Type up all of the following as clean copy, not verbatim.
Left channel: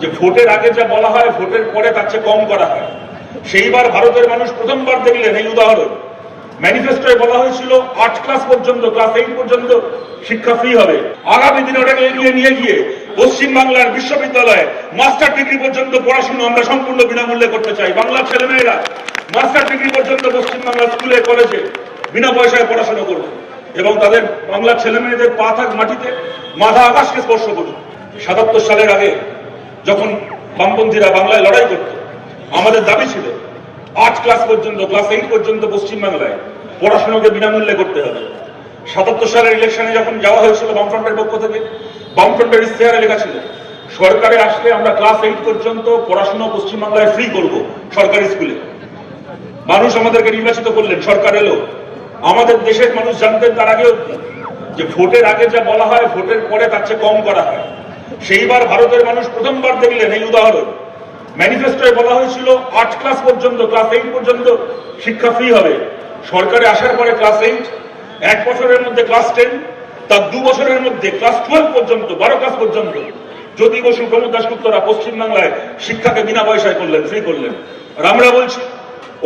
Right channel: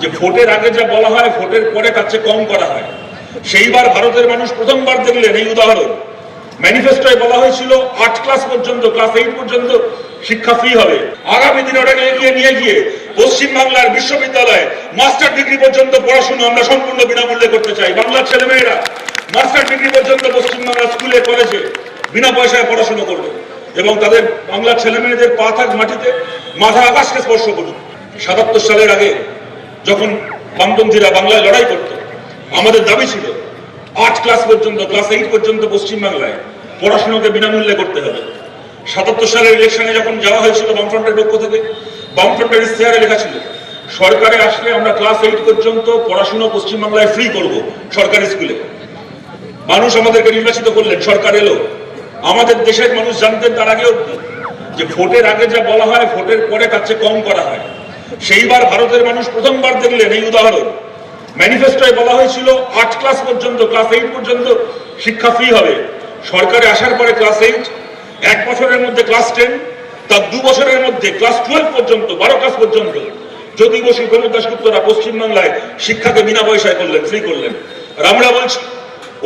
যে ভোটের আগে যা বলা হয় ভোটের পরে তার চেয়ে কম করা হয়। সেইবার ভারতের মানুষ প্রথমবার দেখলেন এই উদাহরণ। ম্যানিফেস্টোয় বলা হয়েছিল 8 ক্লাস পর্যন্ত, ক্লাস 8 পর্যন্ত শিক্ষা ফ্রি হবে। আগামী দিনে ওটাকে এগিয়ে নিয়ে গিয়ে পশ্চিমবাংলার বিশ্ববিদ্যালয়ে মাস্টার ডিগ্রি পর্যন্ত পড়াশোনা আমরা সম্পূর্ণ বিনামূল্যে করতে চাই। বাংলার ছেলেমেয়েরা মাস্টার ডিগ্রি পর্যন্ত পশ্চিমবাংলার স্কুলে কলেজে বিনা পয়সায় পড়াশোনা করবে এবং তাদের বাংলার ছেলেমেয়েদের পা থাক মাটিতে, মাথা আকাশকে স্পর্শ করুক। ৭৭ সালের আগে যখন বামপন্থীরা বাংলায় লড়াই করত, আমাদের দাবি ছিল 8 ক্লাস পর্যন্ত, ক্লাস 8 পর্যন্ত পশ্চিমবাংলায় পড়াশোনাকে বিনামূল্যে করতে হবে। ৭৭ সালের ইলেকশনে যখন যাওয়া হয়েছিল বামফ্রন্টের পক্ষ থেকে, বামফ্রন্টের ইশতেহারে লেখা ছিল সরকারে আসলে আমরা ক্লাস 8 পর্যন্ত পড়াশোনা পশ্চিমবাংলায় ফ্রি করব সরকারি স্কুলে। মানুষ আমাদেরকে নির্বাচিত করলেন, সরকার এলো। আমাদের দেশের মানুষ জানতেন তার আগে অবধি যে ভোটের আগে যা বলা হয় ভোটের পরে তার চেয়ে কম করা হয়। সেইবার ভারতের মানুষ প্রথমবার দেখলেন এই উদাহরণ। ম্যানিফেস্টোয় বলা হয়েছিল 8 ক্লাস পর্যন্ত, ক্লাস 8 পর্যন্ত শিক্ষা ফ্রি হবে। সরকারে আসার পরে ক্লাস 8, 1 বছরের মধ্যে ক্লাস 10, তার 2 বছরের মধ্যে ক্লাস 12 পর্যন্ত, 12 ক্লাস পর্যন্ত জ্যোতি বসু, প্রমোদ দাশগুপ্তরা পশ্চিমবাংলায় শিক্ষাকে বিনা পয়সায় করলেন, ফ্রি করলেন। আর আমরা বলছি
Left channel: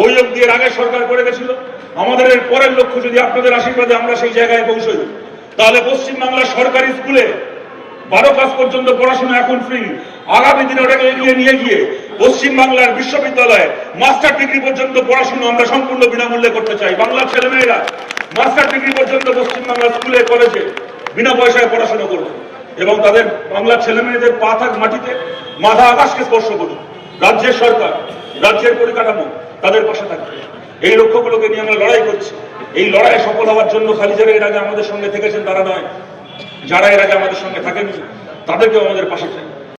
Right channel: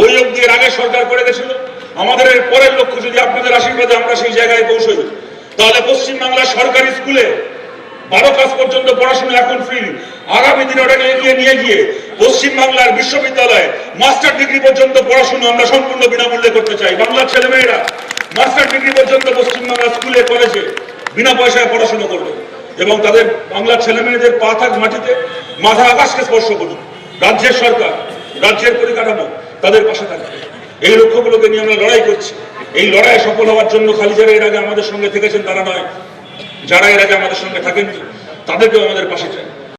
ওই অবধি এর আগে সরকার করে গেছিল। আমাদের এর পরের লক্ষ্য যদি আপনাদের আশীর্বাদে আমরা সেই জায়গায় পৌঁছই, তাহলে পশ্চিমবাংলার সরকারি স্কুলে 12 ক্লাস পর্যন্ত পড়াশোনা এখন ফ্রি। আগামী দিনে ওটাকে এগিয়ে নিয়ে গিয়ে পশ্চিমবাংলার বিশ্ববিদ্যালয়ে মাস্টার ডিগ্রি পর্যন্ত পড়াশোনা আমরা সম্পূর্ণ বিনামূল্যে করতে চাই। বাংলার ছেলেমেয়েরা মাস্টার ডিগ্রি পর্যন্ত পশ্চিমবাংলার স্কুলে কলেজে বিনা পয়সায় পড়াশোনা করবে এবং তাদের বাংলার ছেলেমেয়েদের পা থাক মাটিতে, মাথা আকাশকে স্পর্শ করুক। রাজ্যের সরকার, রাজ্যের পরিকাঠামো তাদের পাশে থাকবে। এই লক্ষ্যগুলোকে নিয়ে আমরা লড়াই করছি। এই লড়াই সফল হওয়ার জন্য খালি যারা এর আগে আমাদের সঙ্গে থেকেছেন তারা নয়, যারা এর আগে আমাদের সঙ্গে থাকেন তাদেরকেও আমাদের পাশে চাই।